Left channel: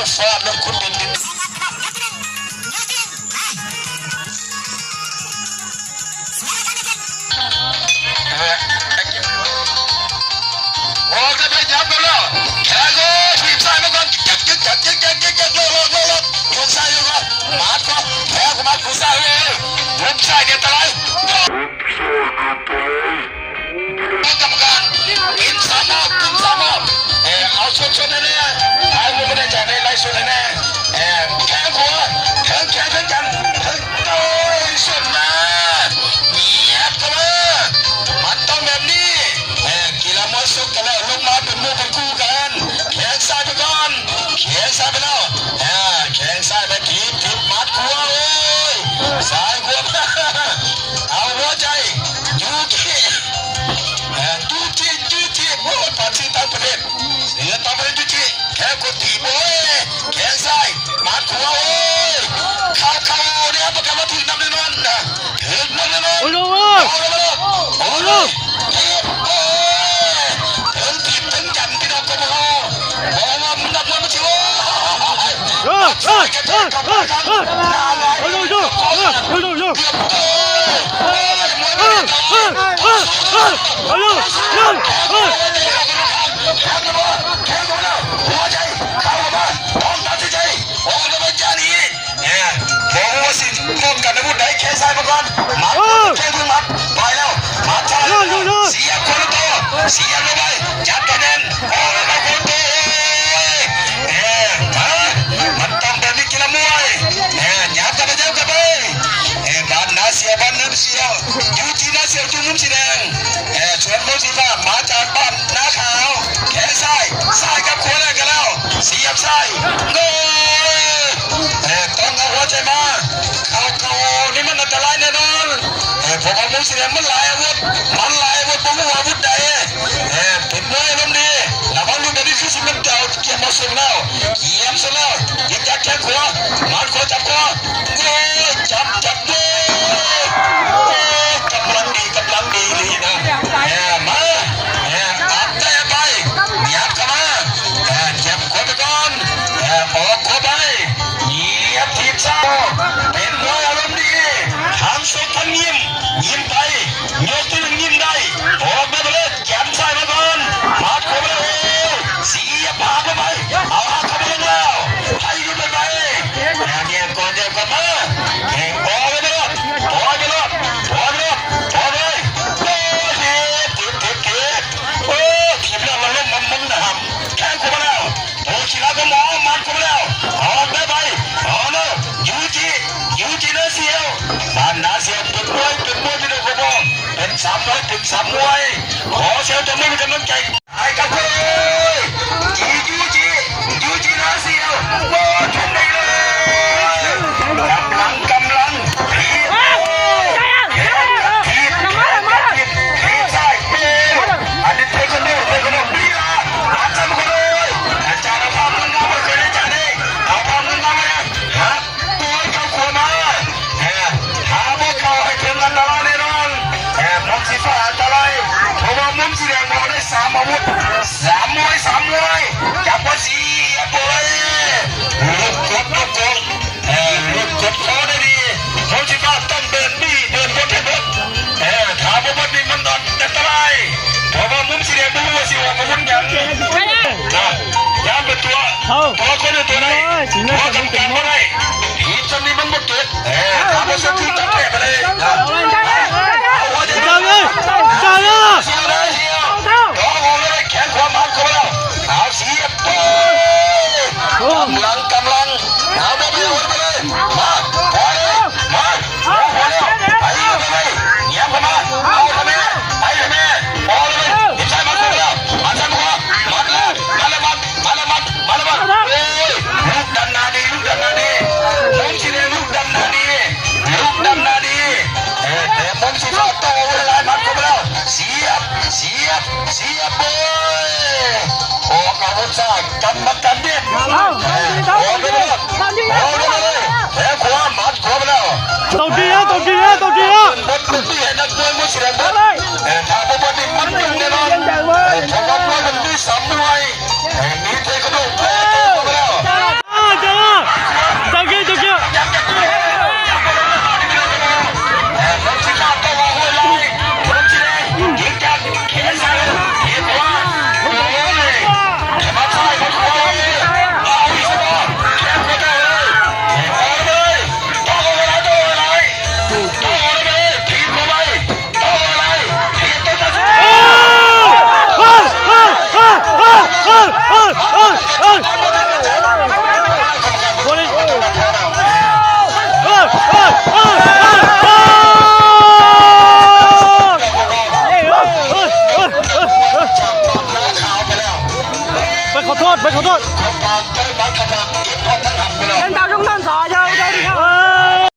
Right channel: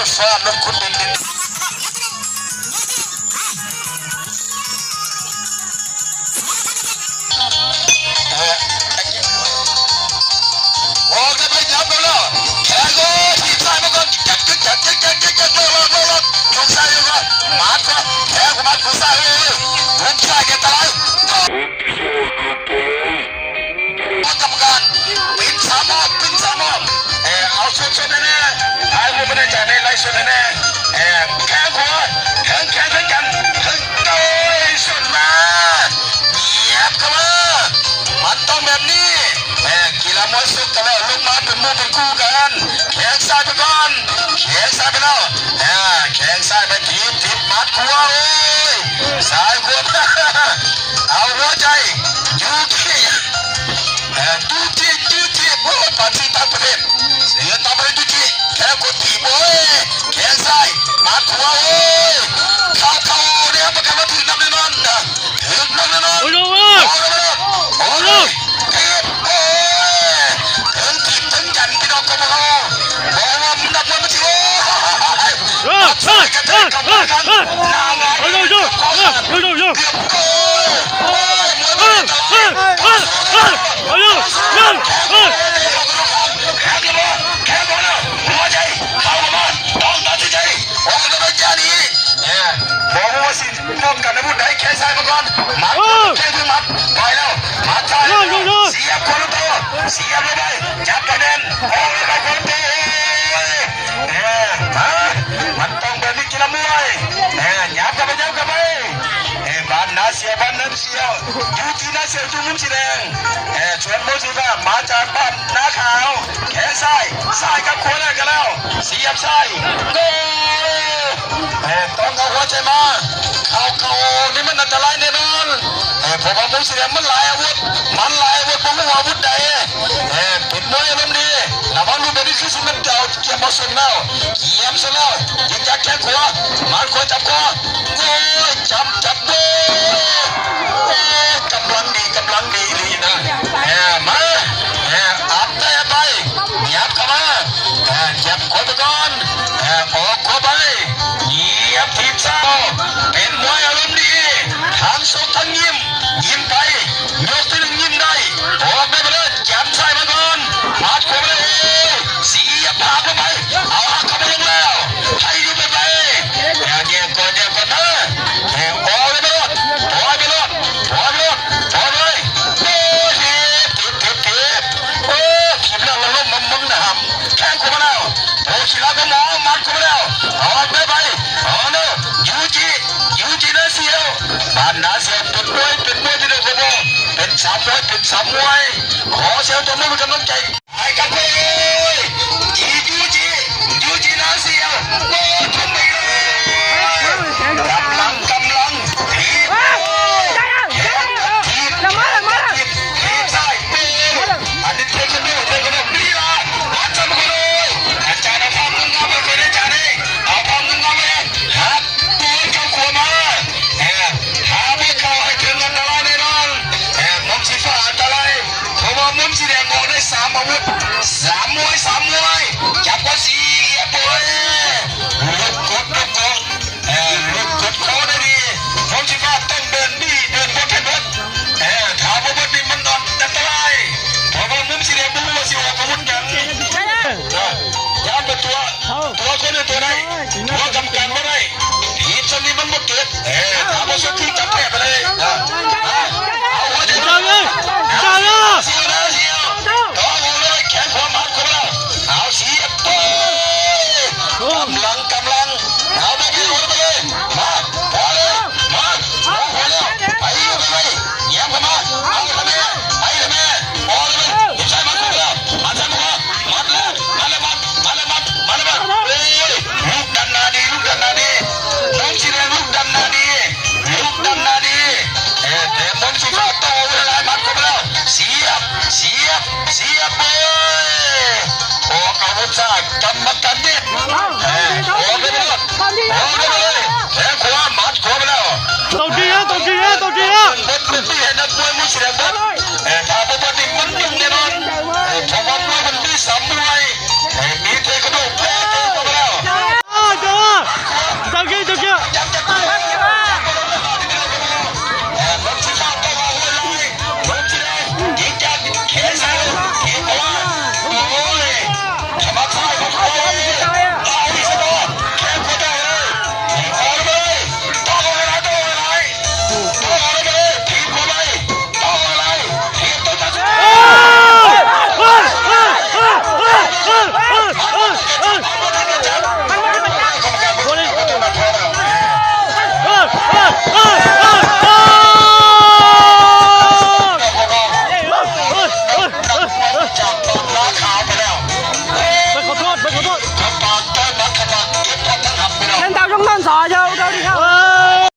จะฟาดแล้วคุณเป็นโอ้ก็ไม่ยับแล้วแข่งโอ้ที่ใส่มาก่อนจักโยนใส่ยังไงมาดก็แข่งมาดก็ใส่ลูกชายเด็กตายกรรมการเป็นสามรอบเอาชนแน่ๆไอ้ผมไม่ได้จ่ายในไลฟ์สดแน่ๆแข่งหัวแข่งกันโดยชนะเงียบกันมามันต้องแบบนี้กีฬามวยสุดกันแล้วลงมาเป็นมือเป็นคู่กันแข่งซ้ายไปก่อนแข่งซ้ายไปแล้วแข่งซ้ายไปทีมมัดขวาเลยซ้ายขวาเอาหัวใจยูทีโอ้ยปานที่ต่างประเทศเสียต่างประเทศยูทีแค่กดทีโอ้ยแข่งซ้ายมัดขวาโอ้ยเข้าเนี่ยประกันว่าถึงน้ำแน่นอนถึงน้ำแน่นอนโอ้ยต้องการให้พูดได้แค่ใส่มาก่อนมาแค่ถึงมัดไปแล้วมัดใส่เสียคนละตัวเสียไม่ได้จับคะแนนโอ้ยมาคนเดียวมันต้องเป็นวิกฤตมวยหยาบกับไปบ้านนาเสียยูจีนาเสียจุ่มมุมสีแดงชวนโมจิก้ามาจากบ้านนาขาวแขนซ้ายกับขวากันแล้วเสียบซ้ายโง่ต้องเอาหัวใจมาเขานี่มันอันตรายแน่นอนผมเอามุมสีแดงมันหลายอาวุธผมไม่ว่าอาวุธใดติดมวยลมดีระวังลูกเด็กที่สุดน้ำเจ้าเกี่ยวมาส่งแล้วเกี่ยวเสร็จแล้วยิงจากแขนขวามันขวาจับคอโง่จับเลยกำลังดีนะมาอัพได้ไปหยับเข้ามาหยับขวาไปก่อนออกขวาไปเหยียบทีบซ้ายเป็นมวยอารมณ์ดีทั้งสุดทั้งยิ้มไปยกตัวหนึ่งยิ้มได้ออกได้ไปเลยจับซ้ายมาก่อนมัดขวาไปเลยเสียบภาพลงไปเอาเข้าไปแล้วให้ดีไปเดี๋ยวก่อนนะปล่อยไปเลยโอ้ยติดโอ้ขีดแล้วเราล้มมันนะครับแข้งเข้ามาแล้วโอ้ขีดแล้วก็หมอมัดเข้ามาแล้วออกได้ไปโน่ยูจีน่าเสียวบ้านนาเสียวเป็นมวยที่เด็กกว่าเป็นสามมวยขอเสียวจะไม่มีกำลังใจไอ้กับกูยูจีน่าเสียวโอ้ทำได้เลยกำลังทีใส่อันนี้เทคโนดีละอาจารย์เอาภาพงามมาเคยได้จ่ายได้เอาภาพงามมาเลยครับตัวเจ้าขวามาหาไม่เข้าให้ถึงอันตรายแน่นอนมุมสีฟ้าอันตรายเพราะว่ามุมสีแดงมองได้สามอาวุธสามมวยจับว่าสีบอยลุกกดคอได้ดีมุมสีฟ้าต้องเดินบนถามว่านี่มันอันตรายเพราะว่ามุมสีแดงมุมว่าสีแดงมันวุ่นกันย้ำเป็นตัวคนตัวไหนตัวกำกันไม่ได้ทีชนนี้มันหมดเกิดถามว่าสุดที่จับแผลไปเลยเจ้าเลยแขนขวามัดเข้ามาเอาเสียบกำลังเอาไปเลยมาพอเลยมาพอแล้วไปเลยเงียบกันมาเอาทำไมพอเลยใช่มาคุยแล้วมาใช่มาแล้วลูกดันนาดีมุมสีแดงลูกดันนาดีมุมสีฟ้าโตเวลามัดเข้ามาแล้วเสียบออกอาวุธซ้ายกำกันดิออกไปเลยแขนขวามัดขวาไปแล้วตบดีนะบนที่เห็นนักมวยมุสลิมถ้าผมว่านี่มันแน่นอนผมว่ามวยมันมีสามมวยมีเทคโนโลยีแพ้ไปแล้ว ไปขอโทษ